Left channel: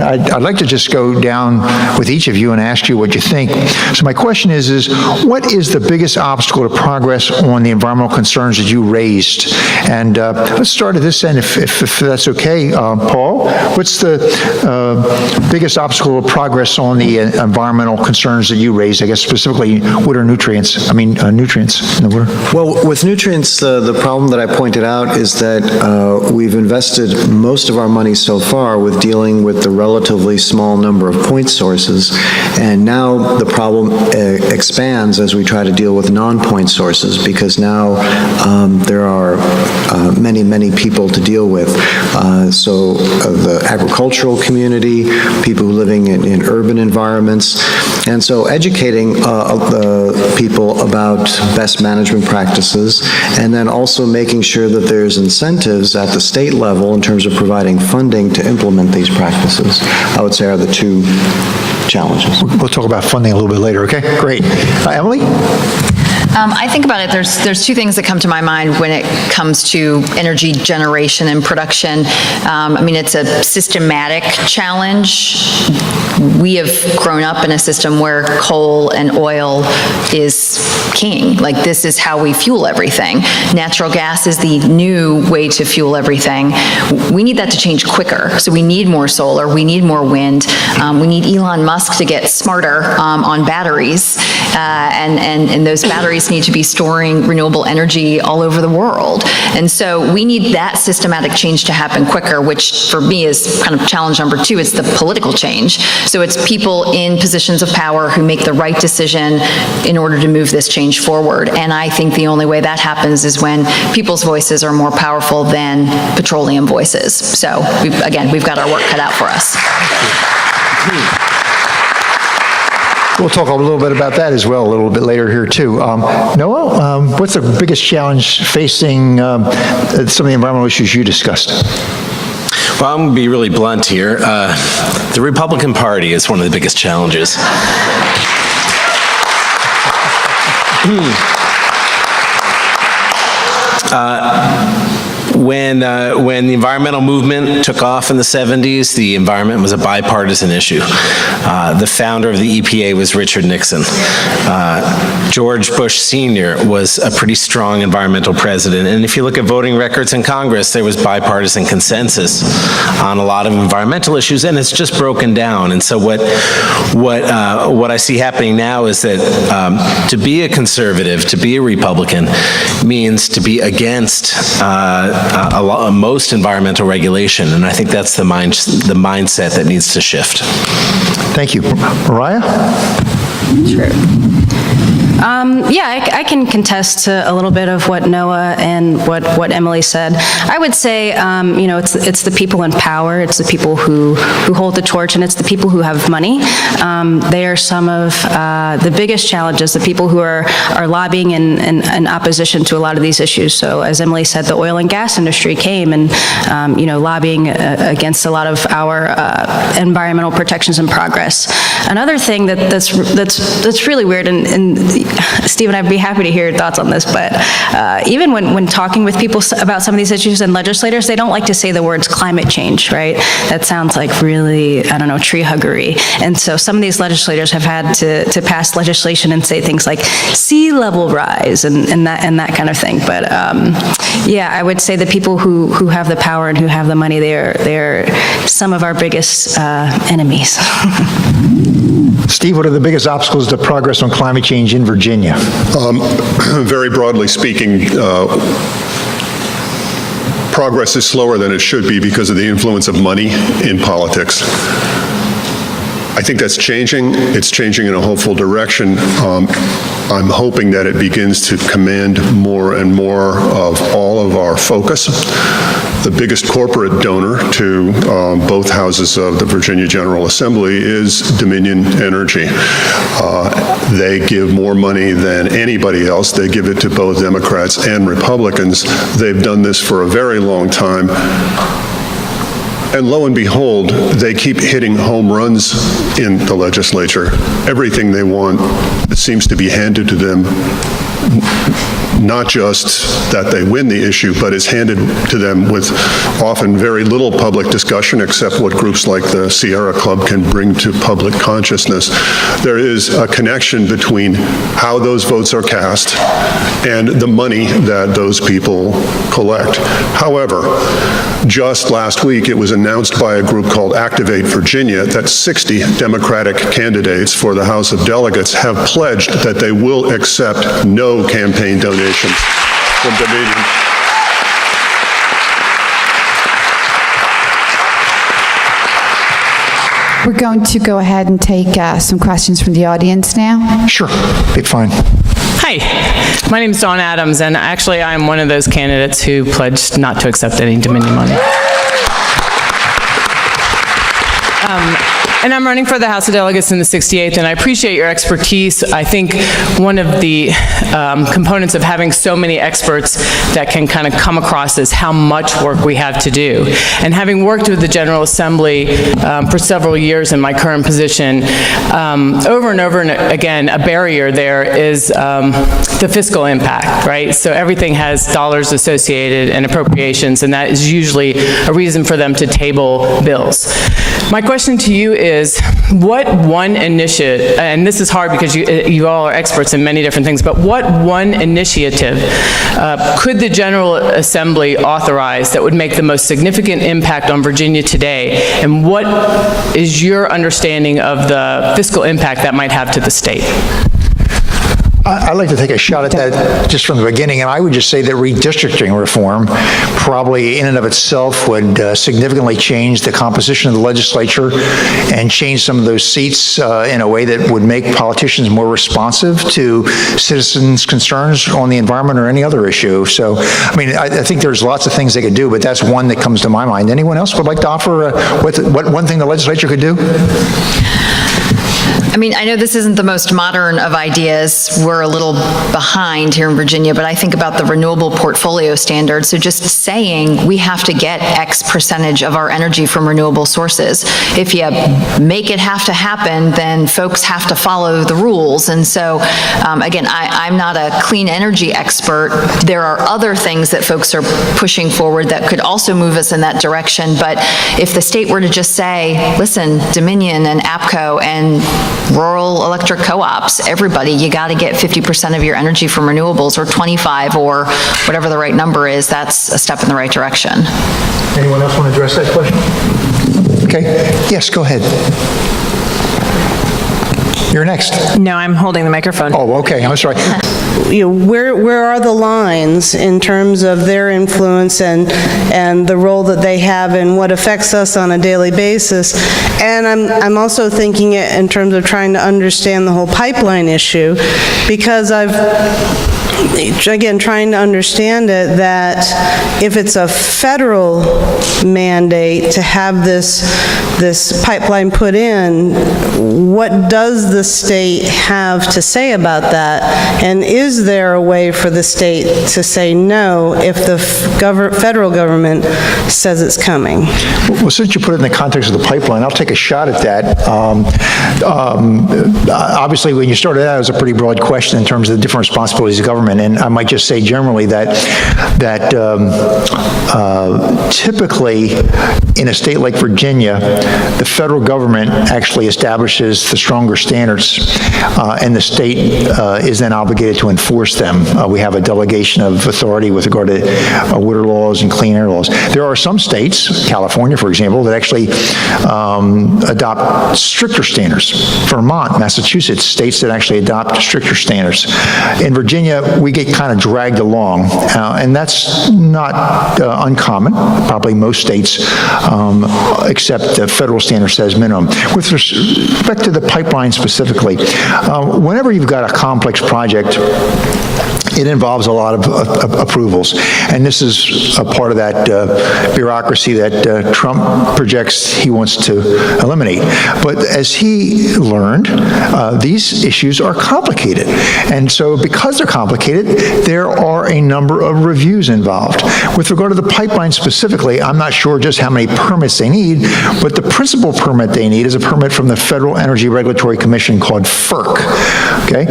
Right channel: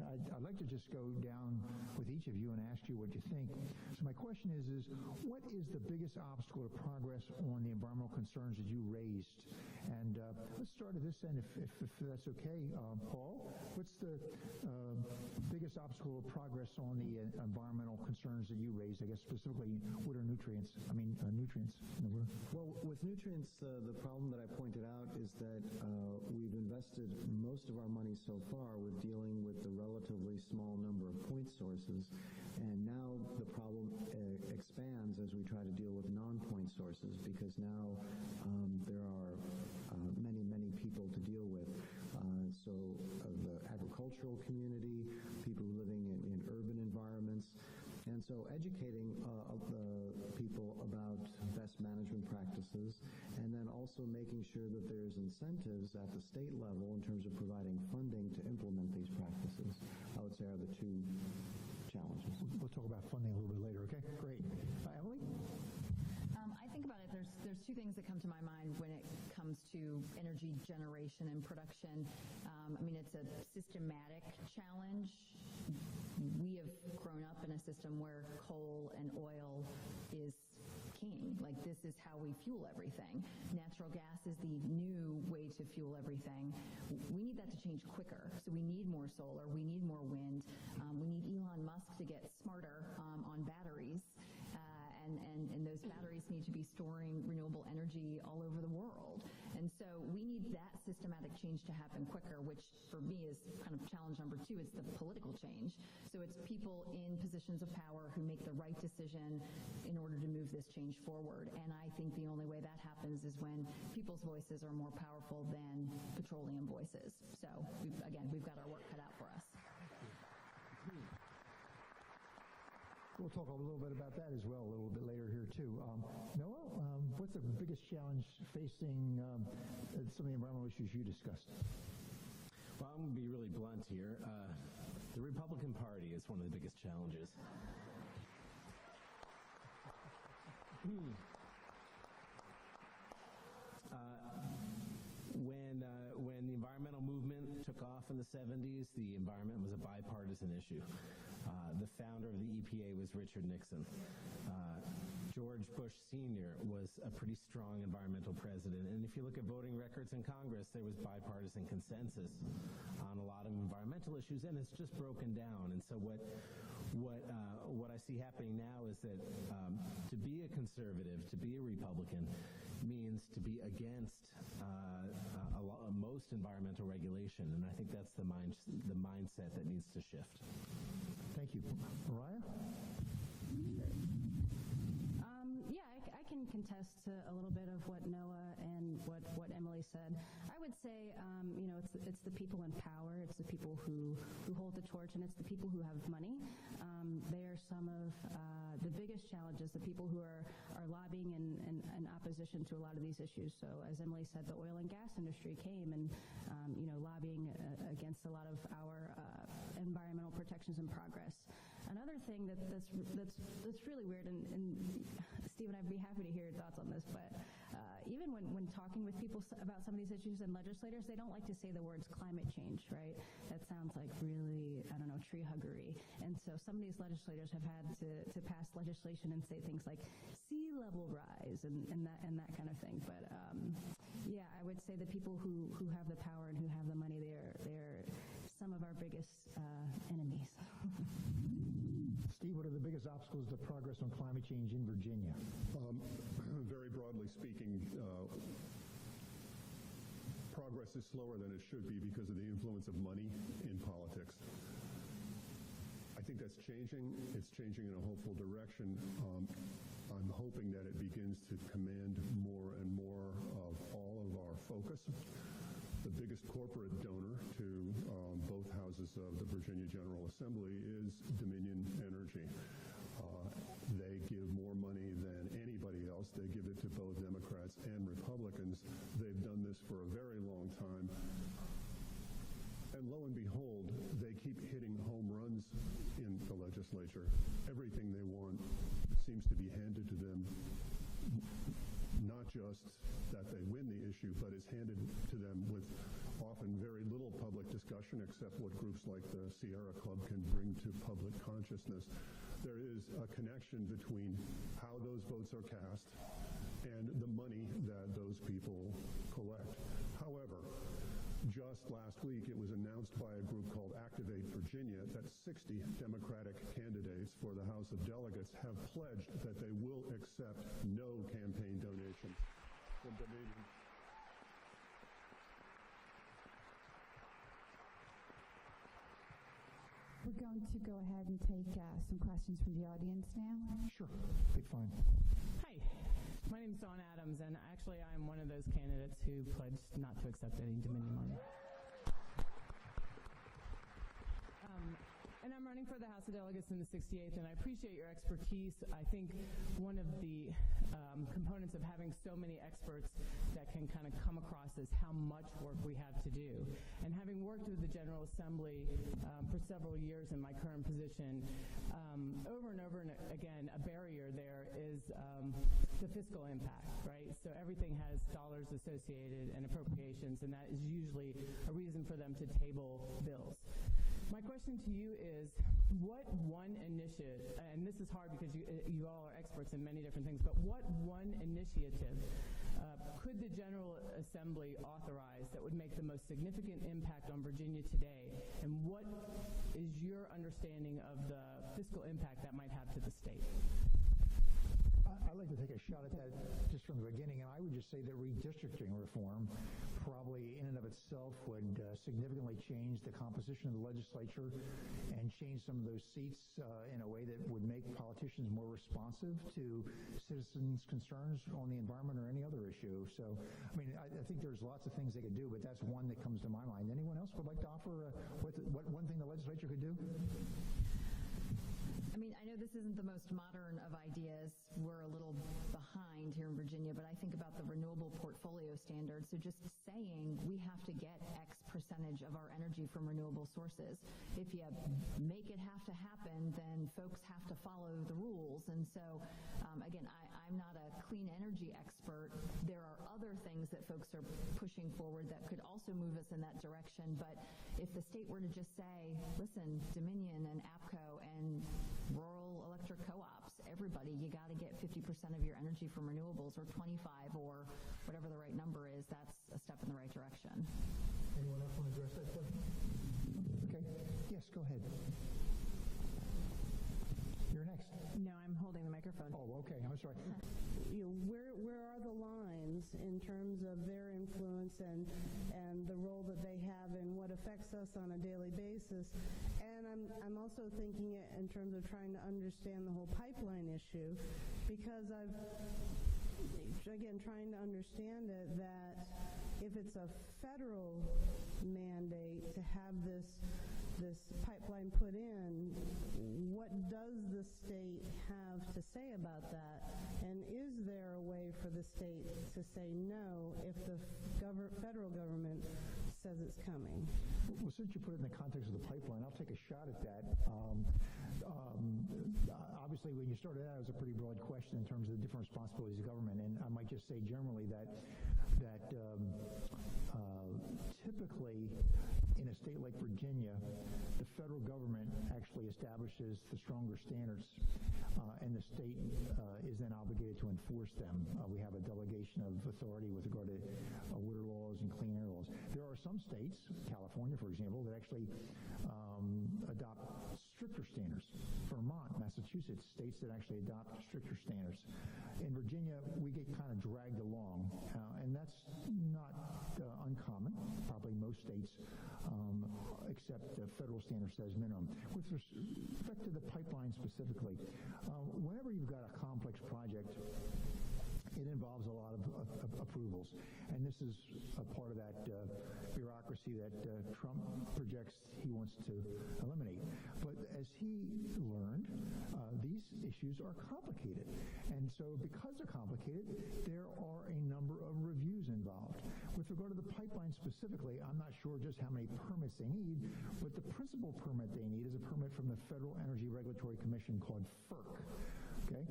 I'd like to just go down with each of you and ask you what you think. So my question is what is the biggest obstacle to progress on the environmental concerns that you raised? And let's start at this end, if that's okay. Paul, what's the biggest obstacle to progress on the environmental concerns that you raised, I guess specifically water nutrients, nutrients in the water? Well, with nutrients, the problem that I pointed out is that we've invested most of our money so far with dealing with the relatively small number of point sources, and now the problem expands as we try to deal with non-point sources, because now there are many people to deal with. So the agricultural community, people living in urban environments, and so educating people about best management practices, and then also making sure that there's incentives at the state level in terms of providing funding to implement these practices, I would say, are the two challenges. We'll talk about funding a little bit later, okay? Great. Emily? I think about it, there's two things that come to my mind when it comes to energy generation and production. It's a systematic challenge. We have grown up in a system where coal and oil is king. Like, this is how we fuel everything. Natural gas is the new way to fuel everything. We need that to change quicker. So we need more solar, we need more wind, we need Elon Musk to get smarter on batteries, and those batteries need to be storing renewable energy all over the world. And so we need that systematic change to happen quicker, which for me is kind of challenge number two. It's the political change. So it's people in positions of power who make the right decision in order to move this change forward. And I think the only way that happens is when people's voices are more powerful than petroleum voices. So we've got our work cut out for us. We'll talk a little bit about that as well a little bit later here too. Noah, what's the biggest challenge facing some of the environmental issues you discussed? Well, I'm going to be really blunt here. The Republican Party is one of the biggest challenges. When the environmental movement took off in the 70s, the environment was a bipartisan issue. The founder of the EPA was Richard Nixon. George Bush Sr. was a pretty strong environmental president. And if you look at voting records in Congress, there was bipartisan consensus on a lot of environmental issues, and it's just broken down. And so what I see happening now is that to be a conservative, to be a Republican, means to be against most environmental regulation, and I think that's the mindset that needs to shift. Thank you. Mariah? Sure. I can contest to a little bit of what Noah and what Emily said. I would say, it's the people in power, it's the people who hold the torch, and it's the people who have money. They are some of the biggest challenges, the people who are lobbying in opposition to a lot of these issues. So as Emily said, the oil and gas industry came and, lobbying against a lot of our environmental protections and progress. Another thing that's really weird, and Stephen, I'd be happy to hear your thoughts on this, but even when talking with people about some of these issues and legislators, they don't like to say the words climate change, right? That sounds like really, tree huggery. And so some of these legislators have had to pass legislation and say things like sea level rise and that kind of thing. But I would say the people who have the power and who have the money, they're some of our biggest enemies. Steve, what are the biggest obstacles to progress on climate change in Virginia? Very broadly speaking, progress is slower than it should be because of the influence of money in politics. I think that's changing. It's changing in a hopeful direction. I'm hoping that it begins to command more and more of all of our focus. The biggest corporate donor to both houses of the Virginia General Assembly is Dominion Energy. They give more money than anybody else. They give it to both Democrats and Republicans. They've done this for a very long time. And lo and behold, they keep hitting home runs in the legislature. Everything they want seems to be handed to them not just that they win the issue, but is handed to them with often very little public discussion except what groups like the Sierra Club can bring to public consciousness. There is a connection between how those votes are cast and the money that those people collect. However, just last week, it was announced by a group called Activate Virginia that 60 Democratic candidates for the House of Delegates have pledged that they will accept no campaign donations from Dominion. We're going to go ahead and take some questions from the audience now. Sure, be fine. Hi, my name is Dawn Adams, and actually I'm one of those candidates who pledged not to accept any Dominion money. And I'm running for the House of Delegates in the 68th, and I appreciate your expertise. I think one of the components of having so many experts that can kind of come across is how much work we have to do. And having worked with the General Assembly for several years in my current position, over and over again, a barrier there is the fiscal impact, right? So everything has dollars associated and appropriations, and that is usually a reason for them to table bills. My question to you is, what one initiative, and this is hard because you all are experts in many different things, but what one initiative could the General Assembly authorize that would make the most significant impact on Virginia today, and what is your understanding of the fiscal impact that might have to the state? I'd like to take a shot at that just from the beginning, and I would just say that redistricting reform probably in and of itself would significantly change the composition of the legislature and change some of those seats in a way that would make politicians more responsive to citizens' concerns on the environment or any other issue. So, I mean, I think there's lots of things they could do, but that's one that comes to my mind. Anyone else would like to offer what one thing the legislature could do? I mean, I know this isn't the most modern of ideas. We're a little behind here in Virginia, but I think about the renewable portfolio standard. So just saying we have to get X percentage of our energy from renewable sources. If you make it have to happen, then folks have to follow the rules. And so, again, I'm not a clean energy expert. There are other things that folks are pushing forward that could also move us in that direction. But if the state were to just say, listen, Dominion and APCO and rural electric co-ops, everybody, you got to get 50% of your energy from renewables, or 25, or whatever the right number is, that's a step in the right direction. Anyone else want to address that question? Okay, yes, go ahead. You're next. No, I'm holding the microphone. Oh, okay, I'm sorry. You know, where are the lines in terms of their influence and the role that they have and what affects us on a daily basis? And I'm also thinking it in terms of trying to understand the whole pipeline issue, because again, trying to understand it, that if it's a federal mandate to have this pipeline put in, what does the state have to say about that? And is there a way for the state to say no if the federal government says it's coming? Well, since you put it in the context of the pipeline, I'll take a shot at that. Obviously, when you started out, it was a pretty broad question in terms of the different responsibilities of government, and I might just say generally that typically in a state like Virginia, the federal government actually establishes the stronger standards, and the state is then obligated to enforce them. We have a delegation of authority with regard to water laws and clean air laws. There are some states, California, for example, that actually adopt stricter standards. Vermont, Massachusetts, states that actually adopt stricter standards. In Virginia, we get kind of dragged along, and that's not uncommon. Probably most states accept the federal standard says minimum. With respect to the pipeline specifically, whenever you've got a complex project, it involves a lot of approvals, and this is a part of that bureaucracy that Trump projects he wants to eliminate. But as he learned, these issues are complicated, and so because they're complicated, there are a number of reviews involved. With regard to the pipeline specifically, I'm not sure just how many permits they need, but the principal permit they need is a permit from the Federal Energy Regulatory Commission called FERC, okay?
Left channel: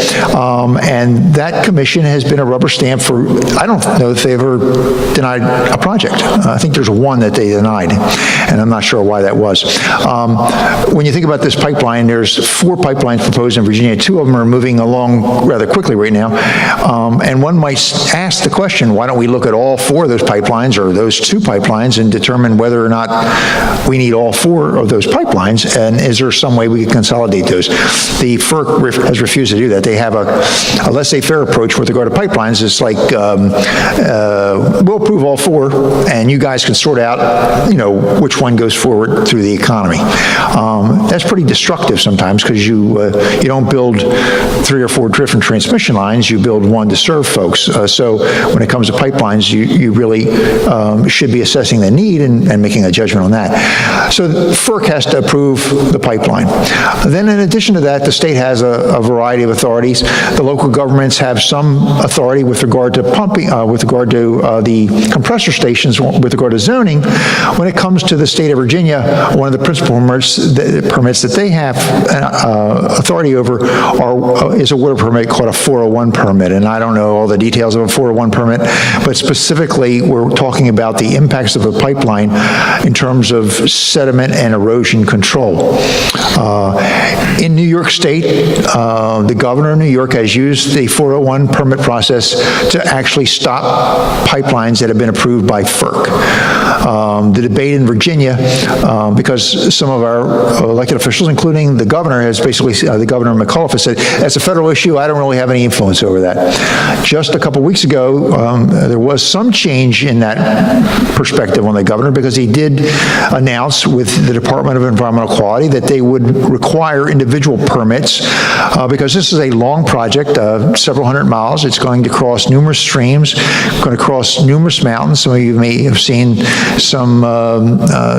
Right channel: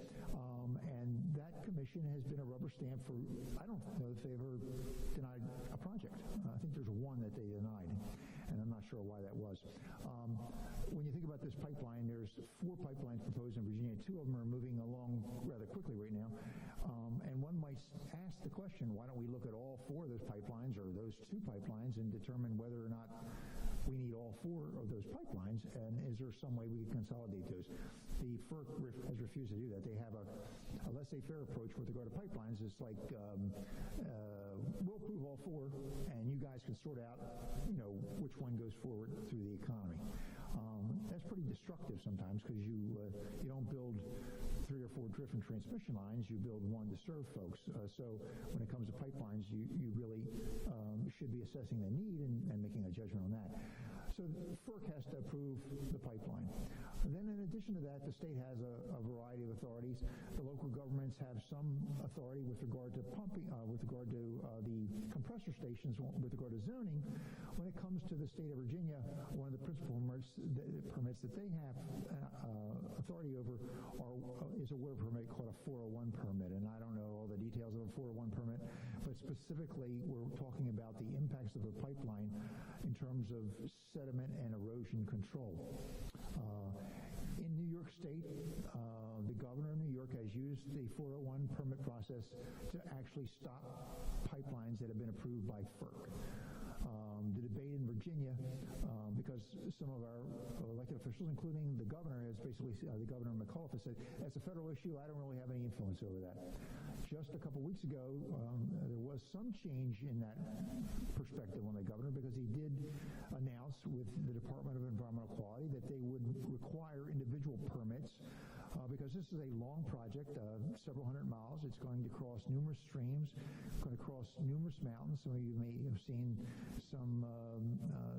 And that commission has been a rubber stamp for, I don't know if they ever denied a project. I think there's one that they denied, and I'm not sure why that was. When you think about this pipeline, there's 4 pipelines proposed in Virginia. 2 of them are moving along rather quickly right now. And one might ask the question, why don't we look at all 4 of those pipelines or those 2 pipelines and determine whether or not we need all 4 of those pipelines, and is there some way we can consolidate those? The FERC has refused to do that. They have a laissez-faire approach with regard to pipelines. It's like, we'll approve all 4, and you guys can sort out, which one goes forward through the economy. That's pretty destructive sometimes, because you don't build 3 or 4 different transmission lines, you build one to serve folks. So when it comes to pipelines, you really should be assessing the need and making a judgment on that. So FERC has to approve the pipeline. Then in addition to that, the state has a variety of authorities. The local governments have some authority with regard to pumping, with regard to the compressor stations, with regard to zoning. When it comes to the state of Virginia, one of the principal permits that they have authority over is a water permit called a 401 permit. And I don't know all the details of a 401 permit, but specifically we're talking about the impacts of a pipeline in terms of sediment and erosion control. In New York State, the governor of New York has used the 401 permit process to actually stop pipelines that have been approved by FERC. The debate in Virginia, because some of our elected officials, including the governor, has basically, the governor McAuliffe has said, that's a federal issue, I don't really have any influence over that. Just a couple weeks ago, there was some change in that perspective on the governor, because he did announce with the Department of Environmental Quality that they would require individual permits, because this is a long project, several hundred miles. It's going to cross numerous streams, going to cross numerous mountains. Some of you may have seen some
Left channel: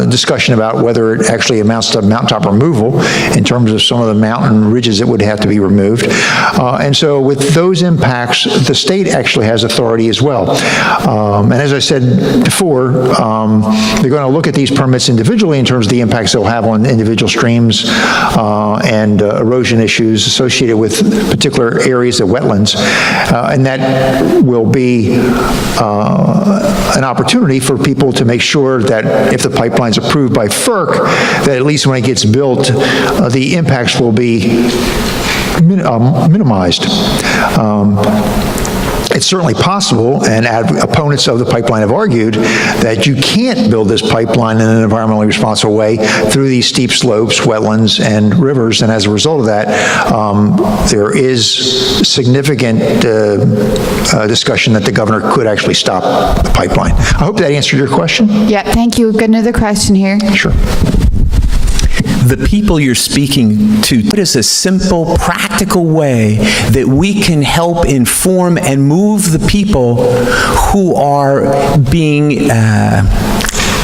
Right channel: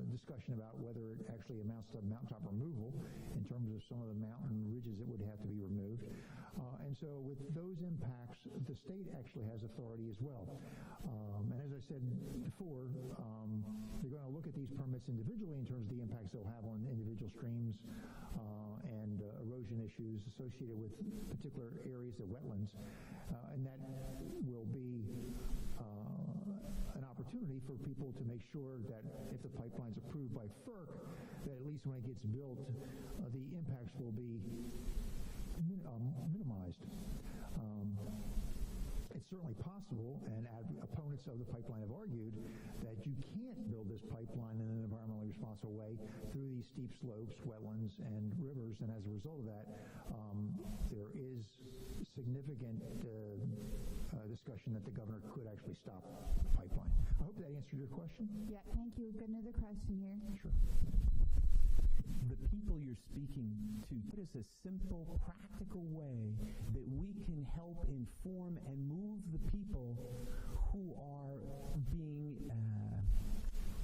discussion about whether it actually amounts to mountaintop removal in terms of some of the mountain ridges that would have to be removed. And so with those impacts, the state actually has authority as well. And as I said before, they're going to look at these permits individually in terms of the impacts they'll have on individual streams and erosion issues associated with particular areas of wetlands. And that will be an opportunity for people to make sure that if the pipeline's approved by FERC, that at least when it gets built, the impacts will be minimized. It's certainly possible, and opponents of the pipeline have argued, that you can't build this pipeline in an environmentally responsible way through these steep slopes, wetlands, and rivers, and as a result of that, there is significant discussion that the governor could actually stop the pipeline. I hope that answered your question. Yeah, thank you. We've got another question here. Sure. The people you're speaking to, what is a simple, practical way that we can help inform and move the people who are being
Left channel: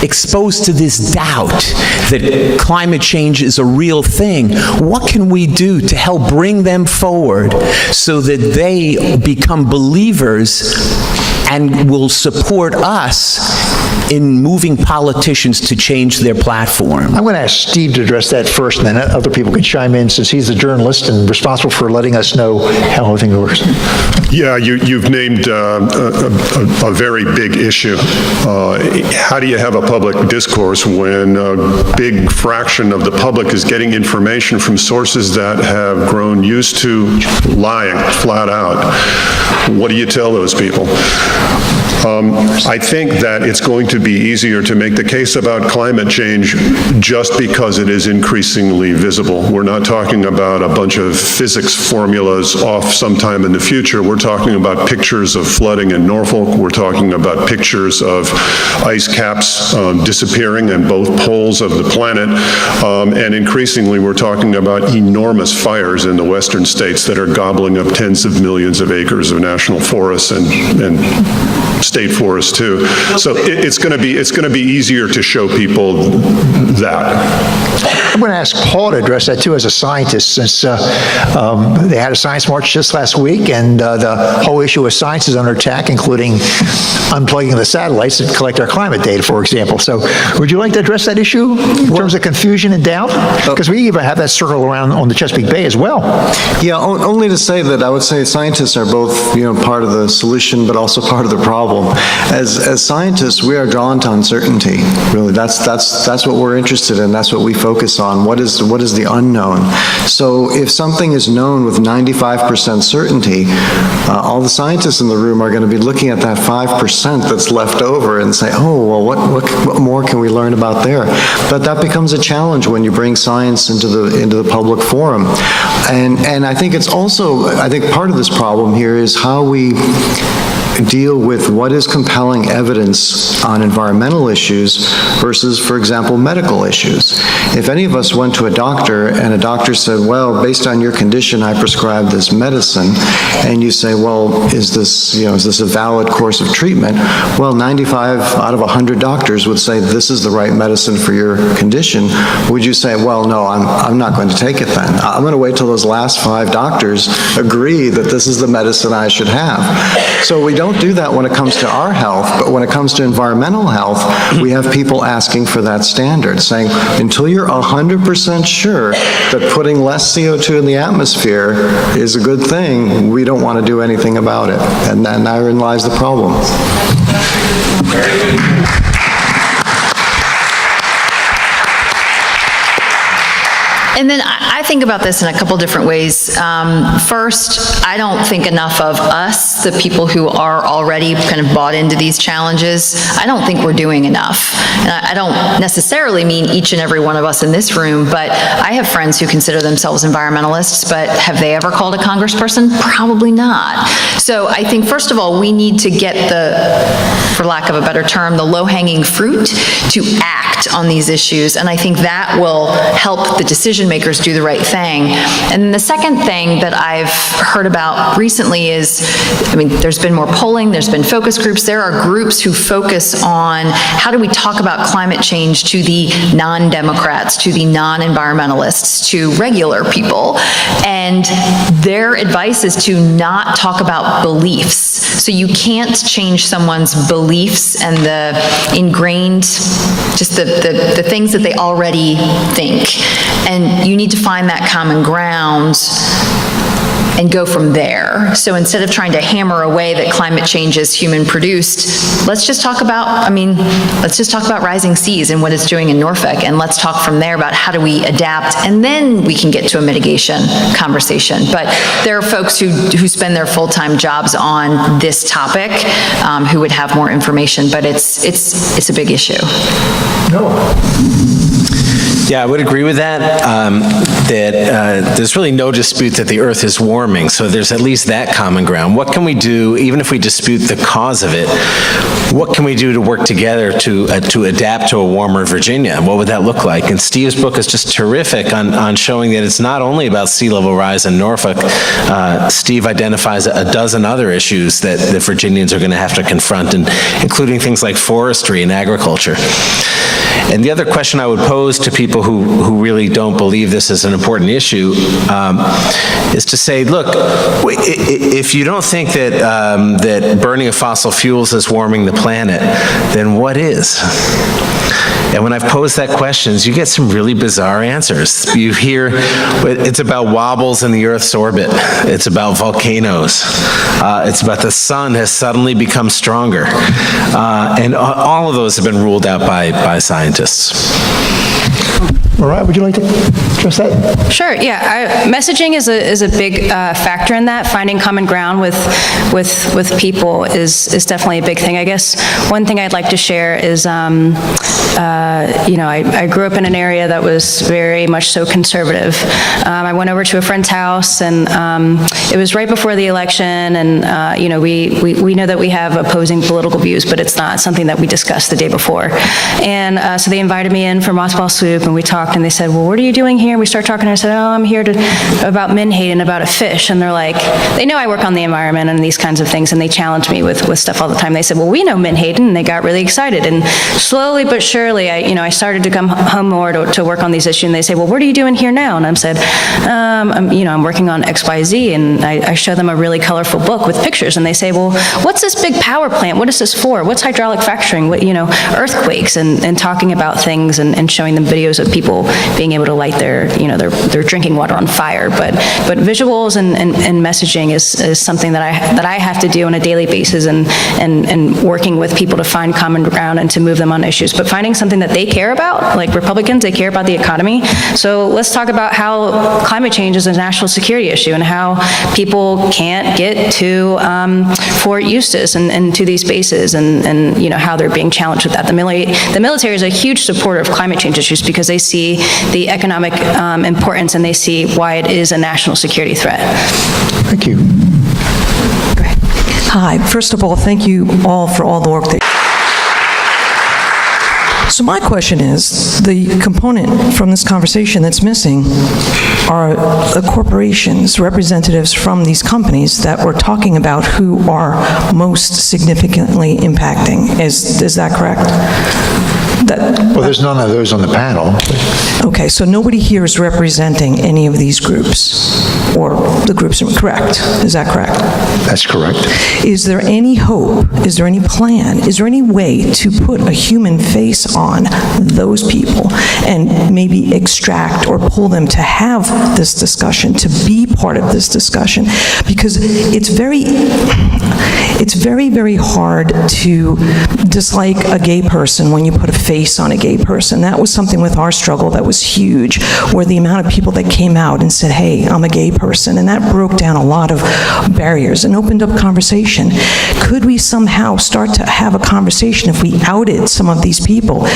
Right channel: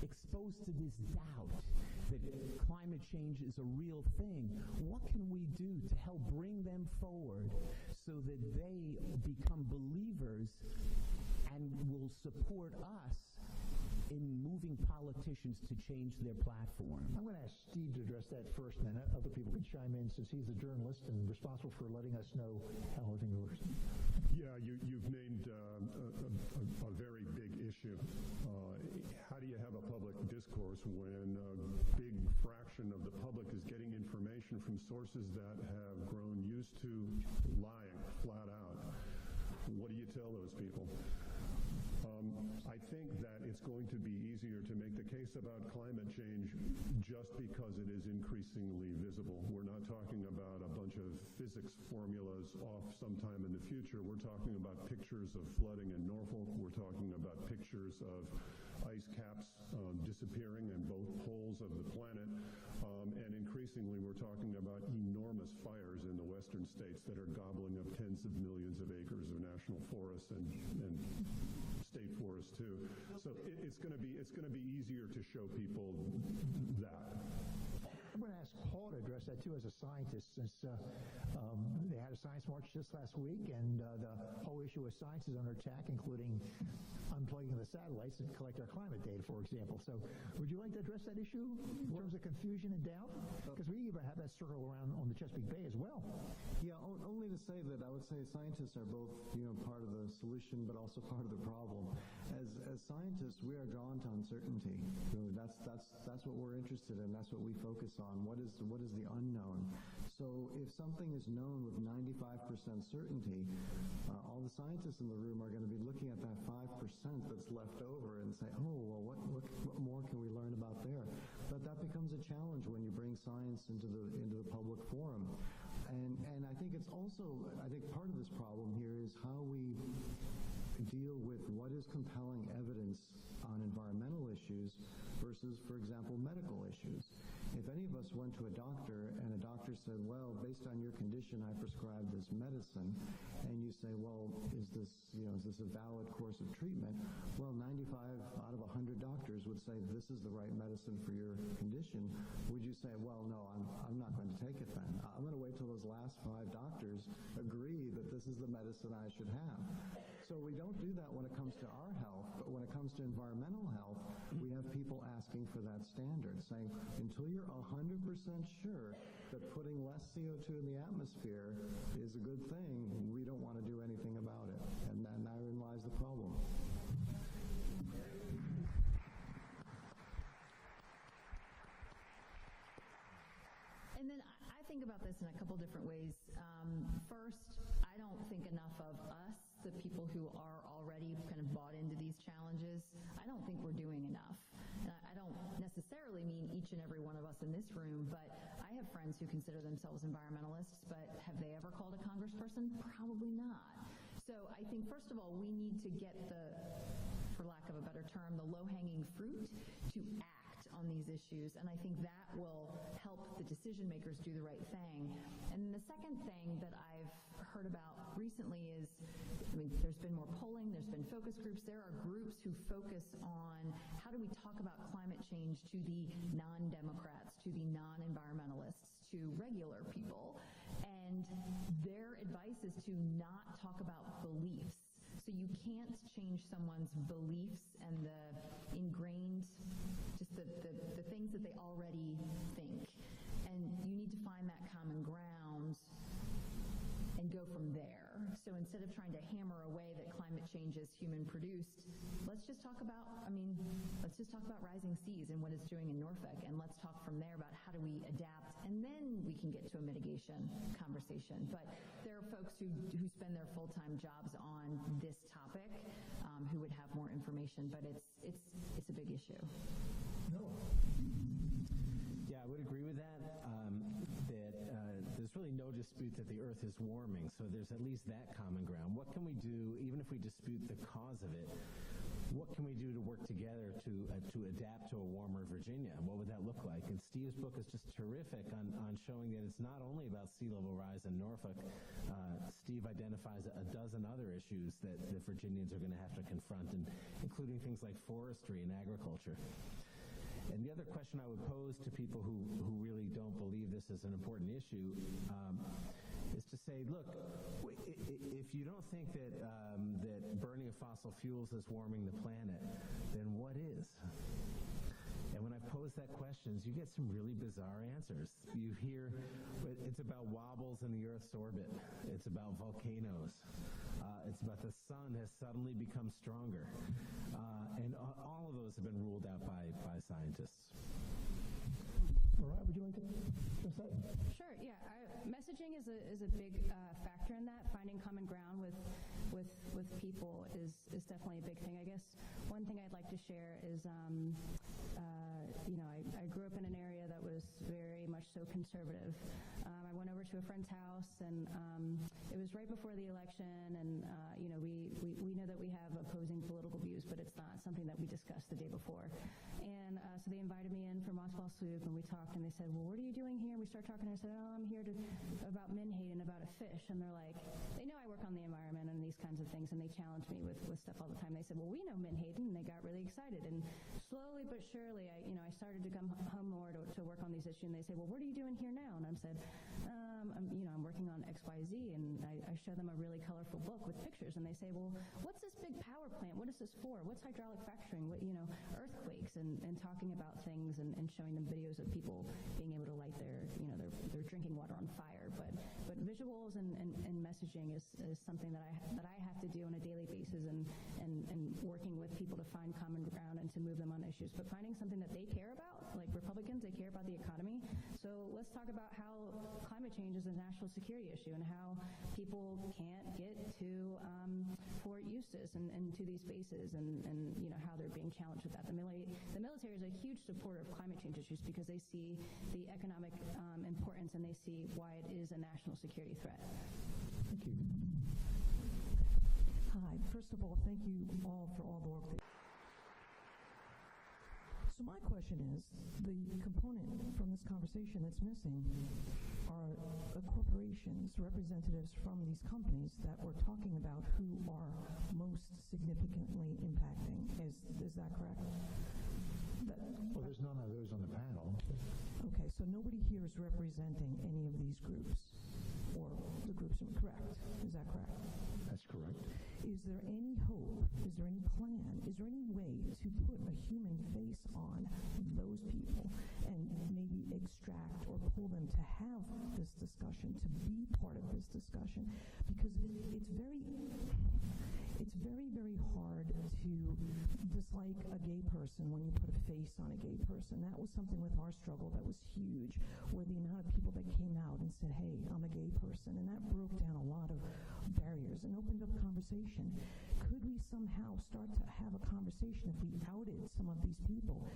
exposed to this doubt that climate change is a real thing? What can we do to help bring them forward so that they become believers and will support us in moving politicians to change their platform? I'm going to ask Steve to address that first, and then other people can chime in, since he's the journalist and responsible for letting us know how everything works. Yeah, you've named a very big issue. How do you have a public discourse when a big fraction of the public is getting information from sources that have grown used to lying flat out? What do you tell those people? I think that it's going to be easier to make the case about climate change just because it is increasingly visible. We're not talking about a bunch of physics formulas off sometime in the future. We're talking about pictures of flooding in Norfolk. We're talking about pictures of ice caps disappearing in both poles of the planet. And increasingly, we're talking about enormous fires in the western states that are gobbling up tens of millions of acres of national forests and state forests too. So it's going to be easier to show people that. I'm going to ask Paul to address that too as a scientist, since they had a science march just last week, and the whole issue of science is under attack, including unplugging the satellites that collect our climate data, for example. So would you like to address that issue in terms of confusion and doubt? Because we even have that circle around on the Chesapeake Bay as well. Yeah, only to say that I would say scientists are both, part of the solution, but also part of the problem. As scientists, we are drawn to uncertainty. Really, that's what we're interested in. That's what we focus on. What is the unknown? So if something is known with 95% certainty, all the scientists in the room are going to be looking at that 5% that's left over and say, oh, well, what more can we learn about there? But that becomes a challenge when you bring science into the public forum. And I think it's also, part of this problem here is how we deal with what is compelling evidence on environmental issues versus, for example, medical issues. If any of us went to a doctor and a doctor said, well, based on your condition, I prescribe this medicine, and you say, well, is this a valid course of treatment? Well, 95 out of 100 doctors would say this is the right medicine for your condition. Would you say, well, no, I'm not going to take it then. I'm going to wait till those last 5 doctors agree that this is the medicine I should have. So we don't do that when it comes to our health, but when it comes to environmental health, we have people asking for that standard, saying, until you're 100% sure that putting less CO2 in the atmosphere is a good thing, we don't want to do anything about it. And therein lies the problem. And then I think about this in a couple different ways. First, I don't think enough of us, the people who are already kind of bought into these challenges. I don't think we're doing enough. And I don't necessarily mean each and every one of us in this room, but I have friends who consider themselves environmentalists, but have they ever called a congressperson? Probably not. So I think, first of all, we need to get for lack of a better term, the low-hanging fruit to act on these issues. And I think that will help the decision makers do the right thing. And the second thing that I've heard about recently is, there's been more polling, there's been focus groups. There are groups who focus on how do we talk about climate change to the non-Democrats, to the non-environmentalists, to regular people. And their advice is to not talk about beliefs. So you can't change someone's beliefs and the ingrained, just the things that they already think. And you need to find that common ground and go from there. So instead of trying to hammer away that climate change is human produced, let's just talk about rising seas and what it's doing in Norfolk, and let's talk from there about how do we adapt, and then we can get to a mitigation conversation. But there are folks who spend their full-time jobs on this topic who would have more information, but it's a big issue. Yeah, I would agree with that, there's really no dispute that the Earth is warming, so there's at least that common ground. What can we do, even if we dispute the cause of it, what can we do to work together to adapt to a warmer Virginia? What would that look like? And Steve's book is just terrific on showing that it's not only about sea level rise in Norfolk. Steve identifies a dozen other issues that the Virginians are going to have to confront, including things like forestry and agriculture. And the other question I would pose to people who really don't believe this is an important issue is to say, look, if you don't think that burning of fossil fuels is warming the planet, then what is? And when I've posed that question, you get some really bizarre answers. You hear it's about wobbles in the Earth's orbit. It's about volcanoes. It's about the sun has suddenly become stronger. And all of those have been ruled out by scientists. Mariah, would you like to address that? Sure, yeah. Messaging is a big factor in that. Finding common ground with people is definitely a big thing. I guess one thing I'd like to share is, I grew up in an area that was very much so conservative. I went over to a friend's house, and it was right before the election, and we know that we have opposing political views, but it's not something that we discussed the day before. And so they invited me in for mothball soup, and and we talked, and they said, well, what are you doing here? We started talking, and I said, oh, I'm here about menhaden, about a fish. And they're like, they know I work on the environment and these kinds of things, and they challenge me with stuff all the time. They said, well, we know menhaden, and they got really excited. And slowly but surely, I started to come home more to work on these issues, and they say, well, what are you doing here now? And I said, I'm working on XYZ, and I show them a really colorful book with pictures, and they say, well, what's this big power plant? What is this for? What's hydraulic fracturing? What, earthquakes, and talking about things and showing them videos of people being able to light their drinking water on fire. But visuals and messaging is something that I have to do on a daily basis, and working with people to find common ground and to move them on issues. But finding something that they care about, like Republicans, they care about the economy. So let's talk about how climate change is a national security issue, and how people can't get to Fort Eustis and to these bases, and how they're being challenged with that. The military is a huge supporter of climate change issues because they see the economic importance, and they see why it is a national security threat. Thank you. Go ahead. Hi. First of all, thank you all for all the work that. So my question is, the component from this conversation that's missing are the corporations, representatives from these companies that we're talking about who are most significantly impacting. Is that correct? Well, there's none of those on the panel. Okay, so nobody here is representing any of these groups, or the groups are correct. Is that correct? That's correct. Is there any hope, is there any plan, is there any way to put a human face on those people and maybe extract or pull them to have this discussion, to be part of this discussion? Because it's very, very hard to dislike a gay person when you put a face on a gay person. That was something with our struggle that was huge, where the amount of people that came out and said, hey, I'm a gay person, and that broke down a lot of barriers and opened up conversation. Could we somehow start to have a conversation if we outed some of these people?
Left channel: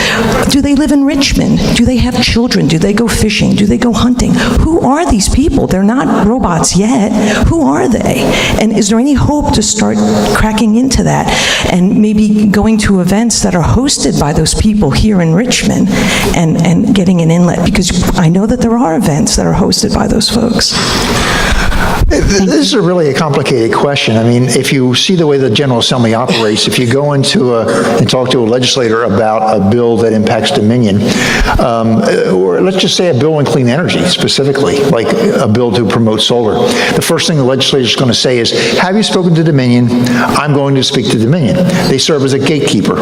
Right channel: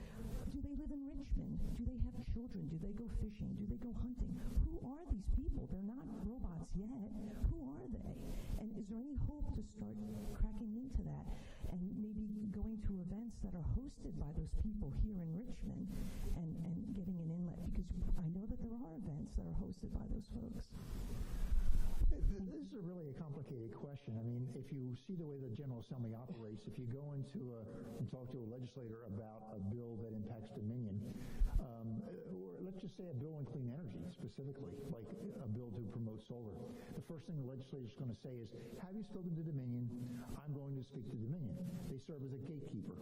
Do they live in Richmond? Do they have children? Do they go fishing? Do they go hunting? Who are these people? They're not robots yet. Who are they? And is there any hope to start cracking into that and maybe going to events that are hosted by those people here in Richmond and getting an inlet? Because I know that there are events that are hosted by those folks. This is really a complicated question. I mean, if you see the way the General Assembly operates, if you go into and talk to a legislator about a bill that impacts Dominion, or let's just say a bill on clean energy specifically, like a bill to promote solar, the first thing the legislator is going to say is, have you spoken to Dominion? I'm going to speak to Dominion. They serve as a gatekeeper.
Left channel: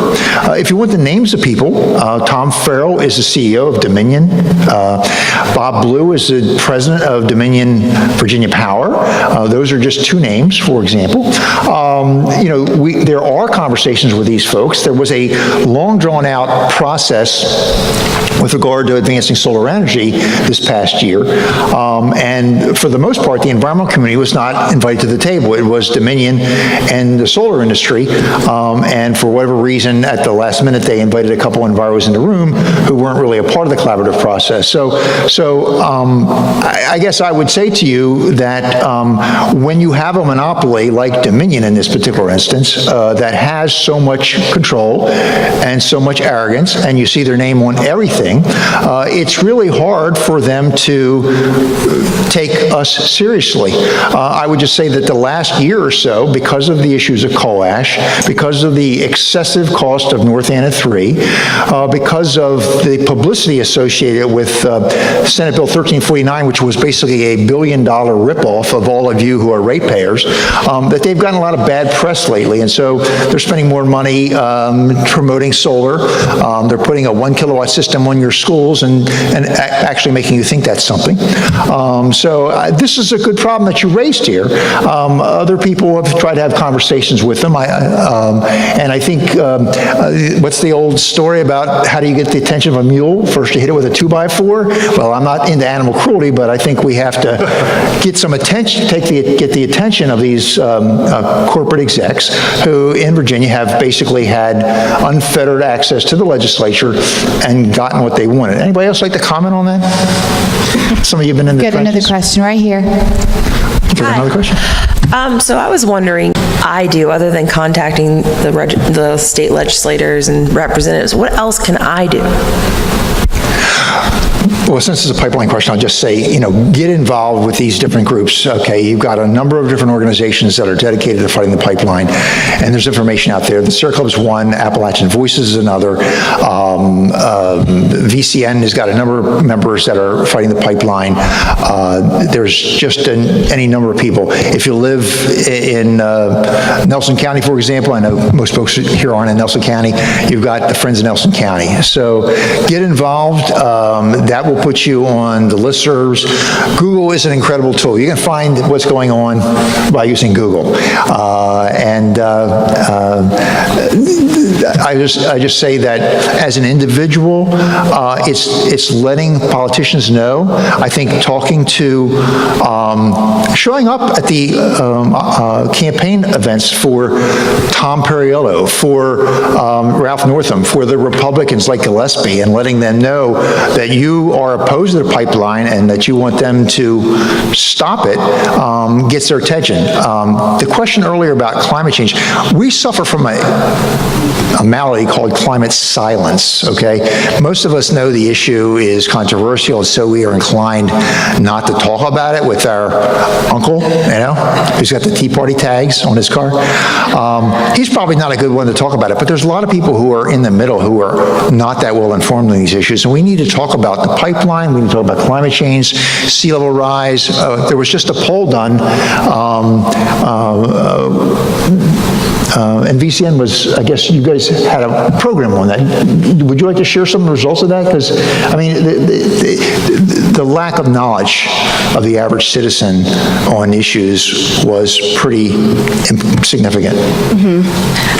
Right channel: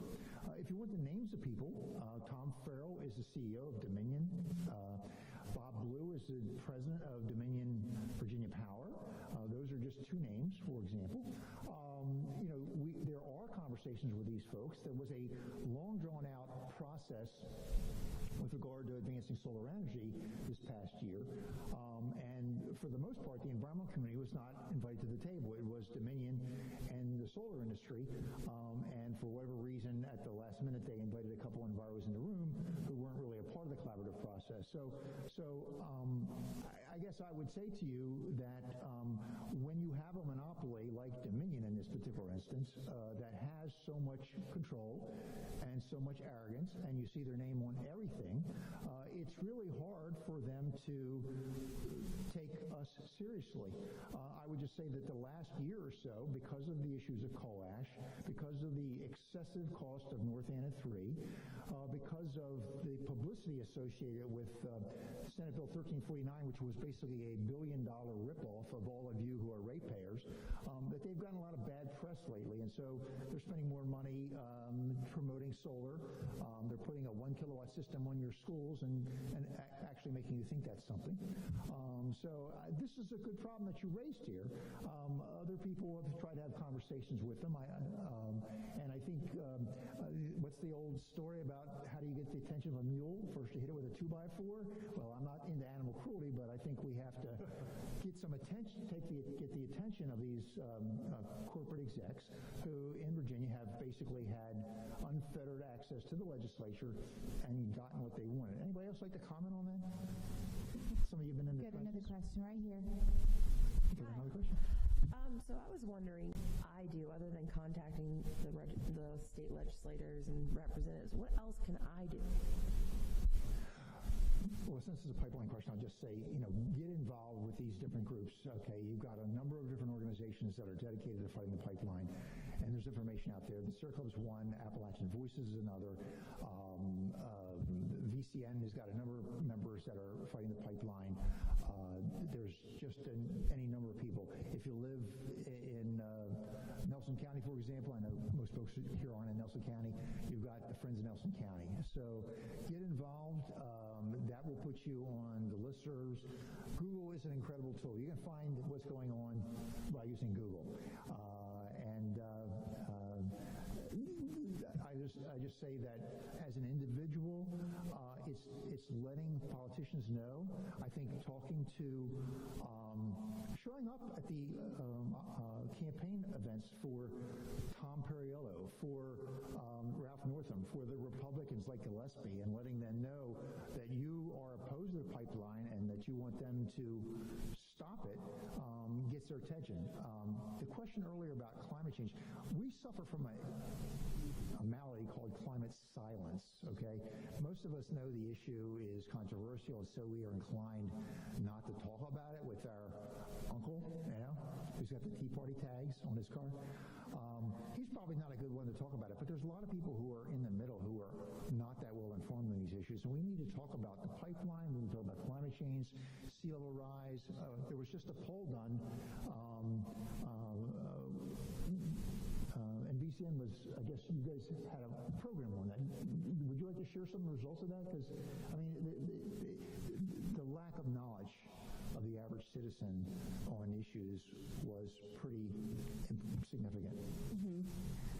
If you want the names of people, Tom Farrell is the CEO of Dominion. Bob Blue is the president of Dominion Virginia Power. Those are just two names, for example. There are conversations with these folks. There was a long, drawn-out process with regard to advancing solar energy this past year. And for the most part, the environmental community was not invited to the table. It was Dominion and the solar industry. And for whatever reason, at the last minute, they invited a couple enviros in the room who weren't really a part of the collaborative process. So I guess I would say to you that when you have a monopoly like Dominion in this particular instance that has so much control and so much arrogance, and you see their name on everything, it's really hard for them to take us seriously. I would just say that the last year or so, because of the issues of coal ash, because of the excessive cost of North Anna 3, because of the publicity associated with Senate Bill 1349, which was basically a $1 billion ripoff of all of you who are ratepayers, that they've gotten a lot of bad press lately. And so they're spending more money promoting solar. They're putting a 1 kilowatt system on your schools and actually making you think that's something. So this is a good problem that you raised here. Other people have tried to have conversations with them. And I think, what's the old story about how do you get the attention of a mule? First you hit it with a 2x4. Well, I'm not into animal cruelty, but I think we have to get some attention, get the attention of these corporate execs who in Virginia have basically had unfettered access to the legislature and gotten what they wanted. Anybody else like to comment on that? Some of you have been in the Get another question right here. Another question? So I was wondering, other than contacting the state legislators and representatives, what else can I do? Well, since it's a pipeline question, I'll just say, get involved with these different groups, okay? You've got a number of different organizations that are dedicated to fighting the pipeline, and there's information out there. The Sierra Club is one, Appalachian Voices is another. VCN has got a number of members that are fighting the pipeline. There's just any number of people. If you live in Nelson County, for example, I know most folks here aren't in Nelson County, you've got the Friends of Nelson County. So get involved. That will put you on the listservs. Google is an incredible tool. You can find what's going on by using Google. I just say that as an individual, it's letting politicians know. I think talking to, showing up at the campaign events for Tom Perriello, for Ralph Northam, for the Republicans like Gillespie, and letting them know that you are opposed to the pipeline and that you want them to stop it, gets their attention. The question earlier about climate change, we suffer from a malady called climate silence, okay? Most of us know the issue is controversial, and so we are inclined not to talk about it with our uncle, who's got the Tea Party tags on his car. He's probably not a good one to talk about it, but there's a lot of people who are in the middle who are not that well informed on these issues, and we need to talk about the pipeline, we need to talk about climate change, sea level rise. There was just a poll done, and VCN was, I guess you guys had a program on that. Would you like to share some of the results of that? Because, I mean, the lack of knowledge of the average citizen on issues was pretty significant.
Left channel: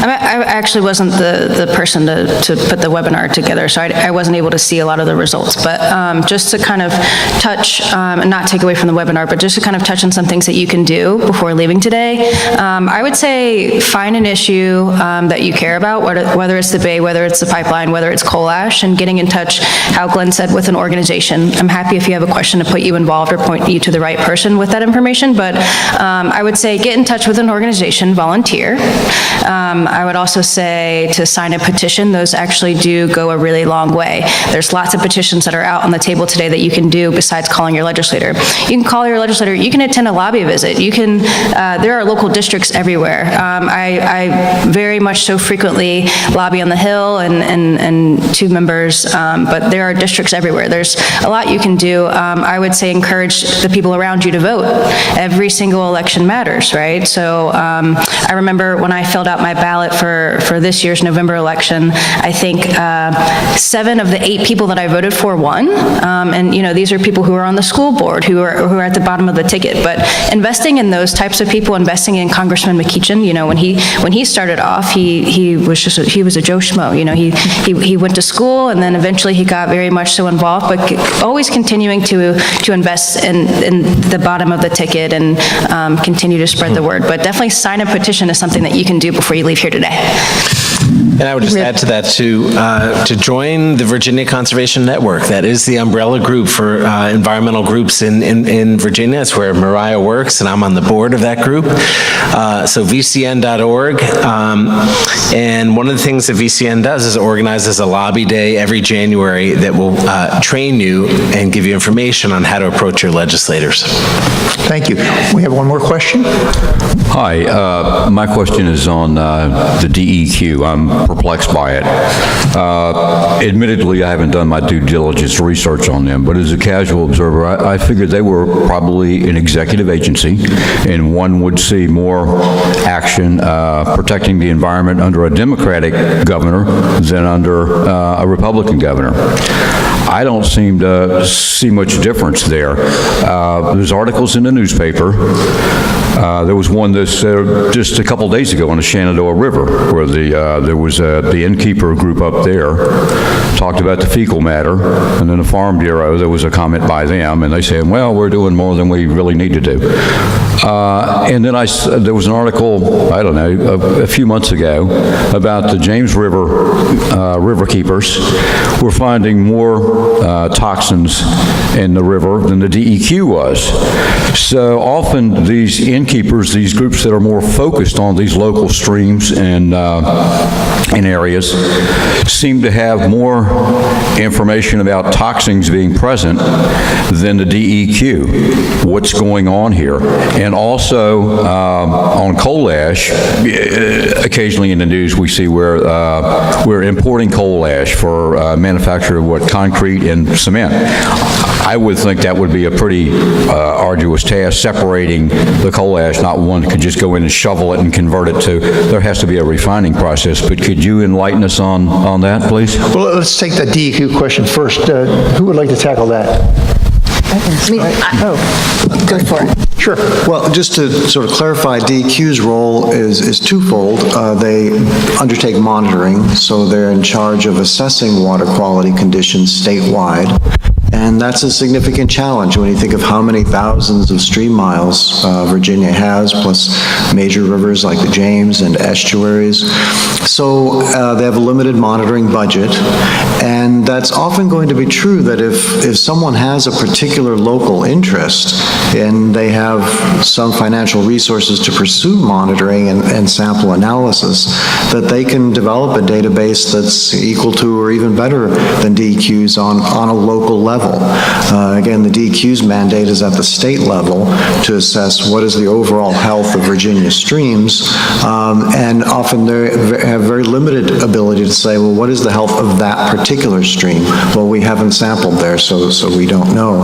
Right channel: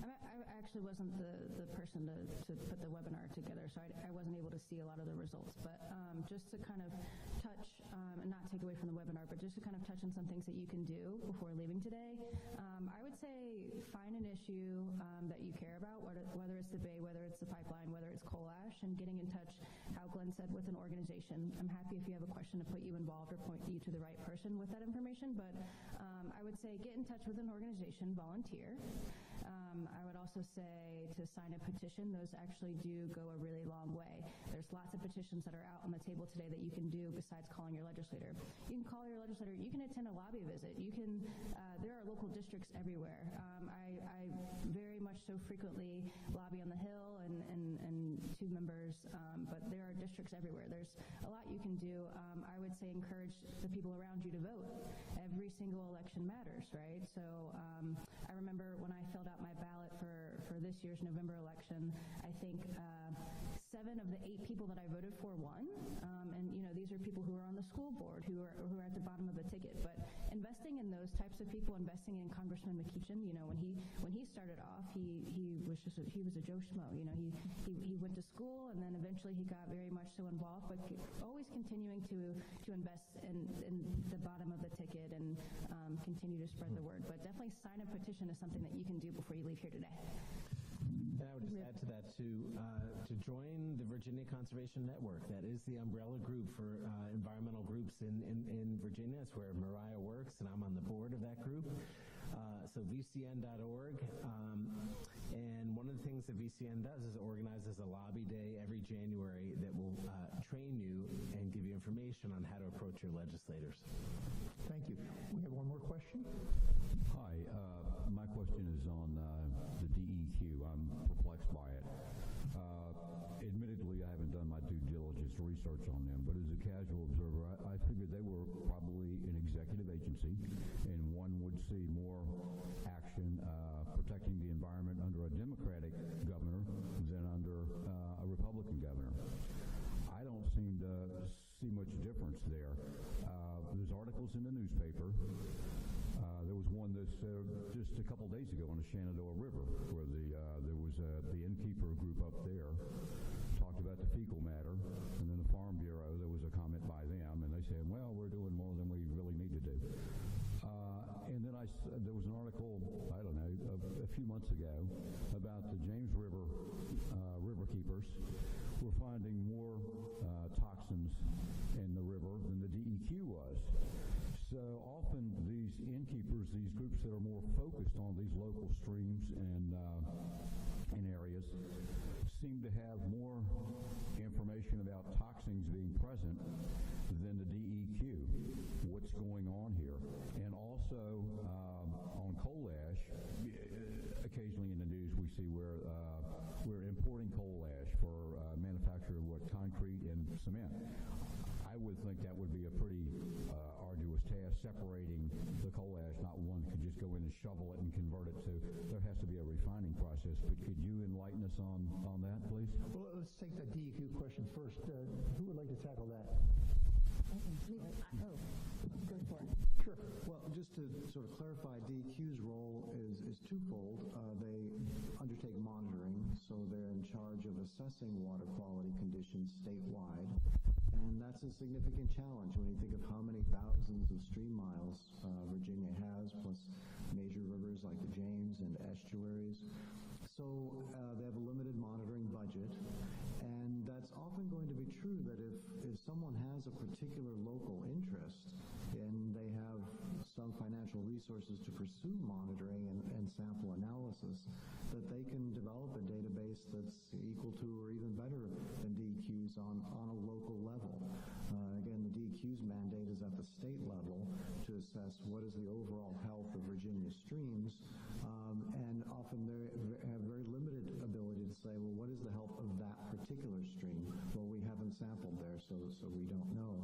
I actually wasn't the person to put the webinar together, so I wasn't able to see a lot of the results. But just to kind of touch, and not take away from the webinar, but just to kind of touch on some things that you can do before leaving today, I would say find an issue that you care about, whether it's the Bay, whether it's the pipeline, whether it's coal ash, and getting in touch, how Glenn said, with an organization. I'm happy if you have a question to put you involved or point you to the right person with that information, but I would say get in touch with an organization, volunteer. I would also say to sign a petition. Those actually do go a really long way. There's lots of petitions that are out on the table today that you can do besides calling your legislator. You can call your legislator, you can attend a lobby visit, you can, there are local districts everywhere. I very much so frequently lobby on the Hill and two members, but there are districts everywhere. There's a lot you can do. I would say encourage the people around you to vote. Every single election matters, right? So I remember when I filled out my ballot for this year's November election, I think 7 of the 8 people that I voted for won. And these are people who are on the school board, who are at the bottom of the ticket. But investing in those types of people, investing in Congressman McEachin, when he started off, he was a Joe Schmo. He went to school, and then eventually he got very much so involved, but always continuing to invest in the bottom of the ticket and continue to spread the word. But definitely sign a petition is something that you can do before you leave here today. And I would just add to that to join the Virginia Conservation Network. That is the umbrella group for environmental groups in Virginia. It's where Mariah works, and I'm on the board of that group. So VCN.org. And one of the things that VCN does is it organizes a lobby day every January that will train you and give you information on how to approach your legislators. Thank you. We have one more question. Hi, my question is on the DEQ. I'm perplexed by it. Admittedly, I haven't done my due diligence research on them, but as a casual observer, I figured they were probably an executive agency, and one would see more action protecting the environment under a Democratic governor than under a Republican governor. I don't seem to see much difference there. There's articles in the newspaper. There was one this just a couple days ago on the Shenandoah River, where there was the innkeeper group up there talked about the fecal matter, and then the Farm Bureau, there was a comment by them, and they said, well, we're doing more than we really need to do. And then there was an article, I don't know, a few months ago about the James River river keepers were finding more toxins in the river than the DEQ was. So often these innkeepers, these groups that are more focused on these local streams and areas, seem to have more information about toxins being present than the DEQ. What's going on here? And also on coal ash, occasionally in the news we see where we're importing coal ash for manufacture of concrete and cement. I would think that would be a pretty arduous task, separating the coal ash. Not one could just go in and shovel it and convert it to, there has to be a refining process. But could you enlighten us on that, please? Well, let's take the DEQ question first. Who would like to tackle that? Go for it. Sure. Well, just to sort of clarify, DEQ's role is twofold. They undertake monitoring, so they're in charge of assessing water quality conditions statewide. And that's a significant challenge when you think of how many thousands of stream miles Virginia has, plus major rivers like the James and estuaries. So they have a limited monitoring budget, and that's often going to be true that if someone has a particular local interest and they have some financial resources to pursue monitoring and sample analysis, that they can develop a database that's equal to or even better than DEQ's on a local level. Again, the DEQ's mandate is at the state level to assess what is the overall health of Virginia streams, and often they have very limited ability to say, well, what is the health of that particular stream? Well, we haven't sampled there, so we don't know.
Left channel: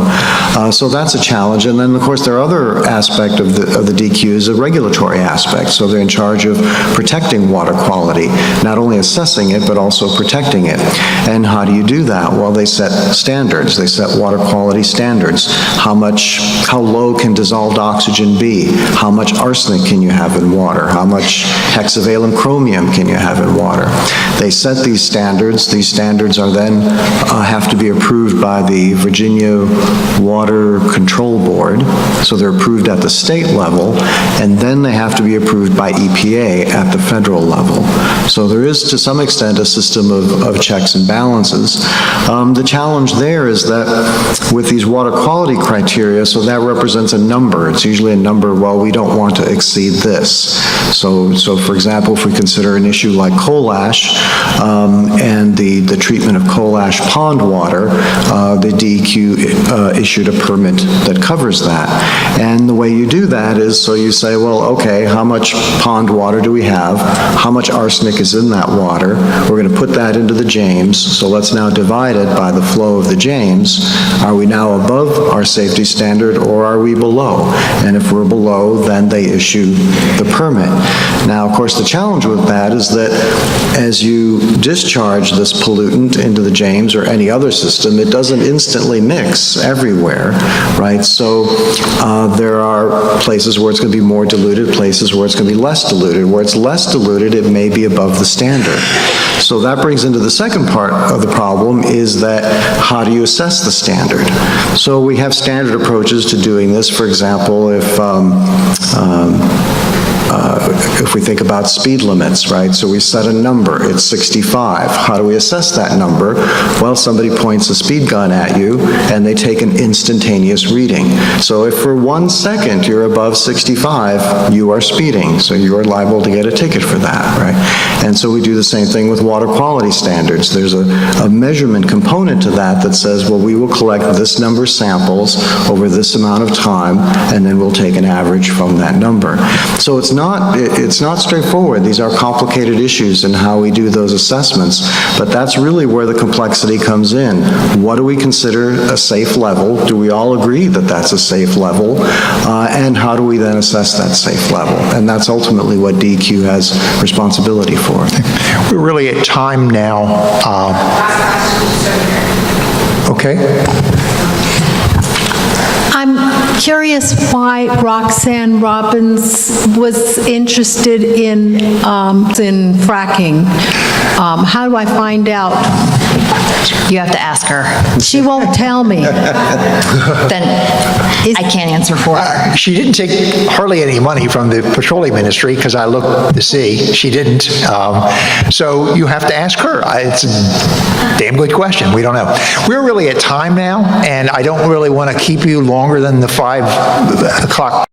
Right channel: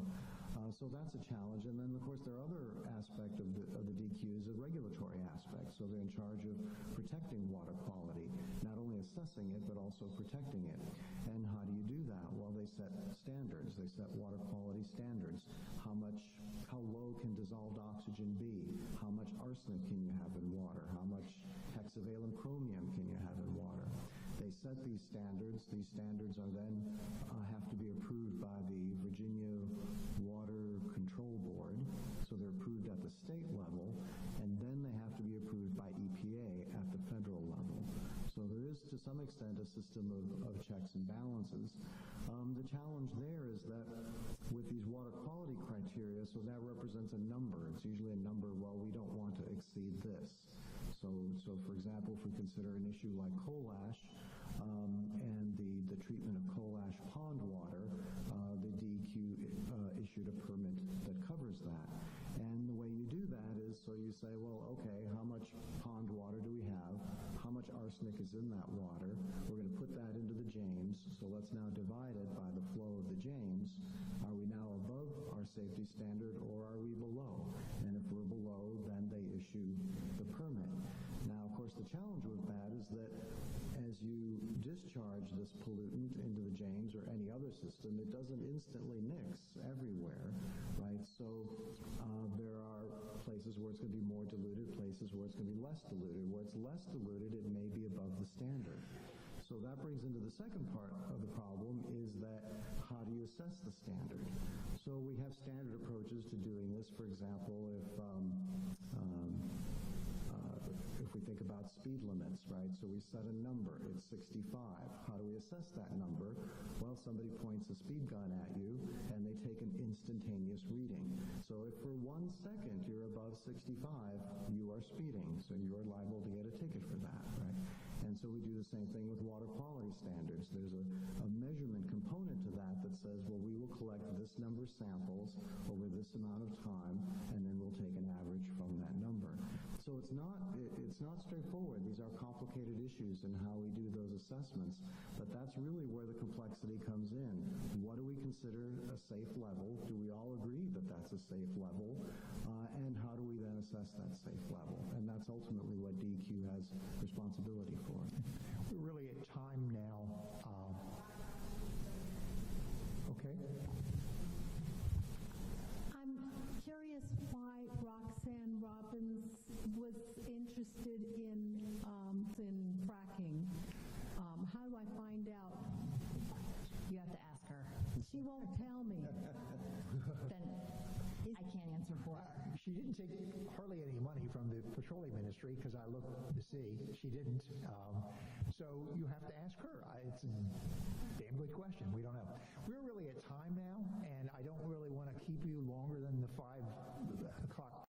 So that's a challenge. And then, of course, there are other aspect of the DEQ is a regulatory aspect. So they're in charge of protecting water quality, not only assessing it, but also protecting it. And how do you do that? Well, they set standards. They set water quality standards. How low can dissolved oxygen be? How much arsenic can you have in water? How much hexavalent chromium can you have in water? They set these standards. These standards are then have to be approved by the Virginia Water Control Board. So they're approved at the state level, and then they have to be approved by EPA at the federal level. So there is, to some extent, a system of checks and balances. The challenge there is that with these water quality criteria, so that represents a number. It's usually a number, well, we don't want to exceed this. So for example, if we consider an issue like coal ash and the treatment of coal ash pond water, the DEQ issued a permit that covers that. And the way you do that is, so you say, well, okay, how much pond water do we have? How much arsenic is in that water? We're going to put that into the James, so let's now divide it by the flow of the James. Are we now above our safety standard, or are we below? And if we're below, then they issue the permit. Now, of course, the challenge with that is that as you discharge this pollutant into the James or any other system, it doesn't instantly mix everywhere, right? So there are places where it's going to be more diluted, places where it's going to be less diluted. Where it's less diluted, it may be above the standard. So that brings into the second part of the problem is that how do you assess the standard? So we have standard approaches to doing this. For example, if we think about speed limits, right? So we set a number, it's 65. How do we assess that number? Well, somebody points a speed gun at you and they take an instantaneous reading. So if for 1 second you're above 65, you are speeding. So you are liable to get a ticket for that, right? And so we do the same thing with water quality standards. There's a measurement component to that that says, well, we will collect this number of samples over this amount of time, and then we'll take an average from that number. So it's not straightforward. These are complicated issues in how we do those assessments, but that's really where the complexity comes in. What do we consider a safe level? Do we all agree that that's a safe level? And how do we then assess that safe level? And that's ultimately what DEQ has responsibility for. We're really at time now. Okay. I'm curious why Roxanne Robbins was interested in fracking. How do I find out? You have to ask her. She won't tell me. Then I can't answer for her. She didn't take hardly any money from the petroleum industry, because I looked to see. She didn't. So you have to ask her. It's a damn good question. We don't know. We're really at time now, and I don't really want to keep you longer than the 5 o'clock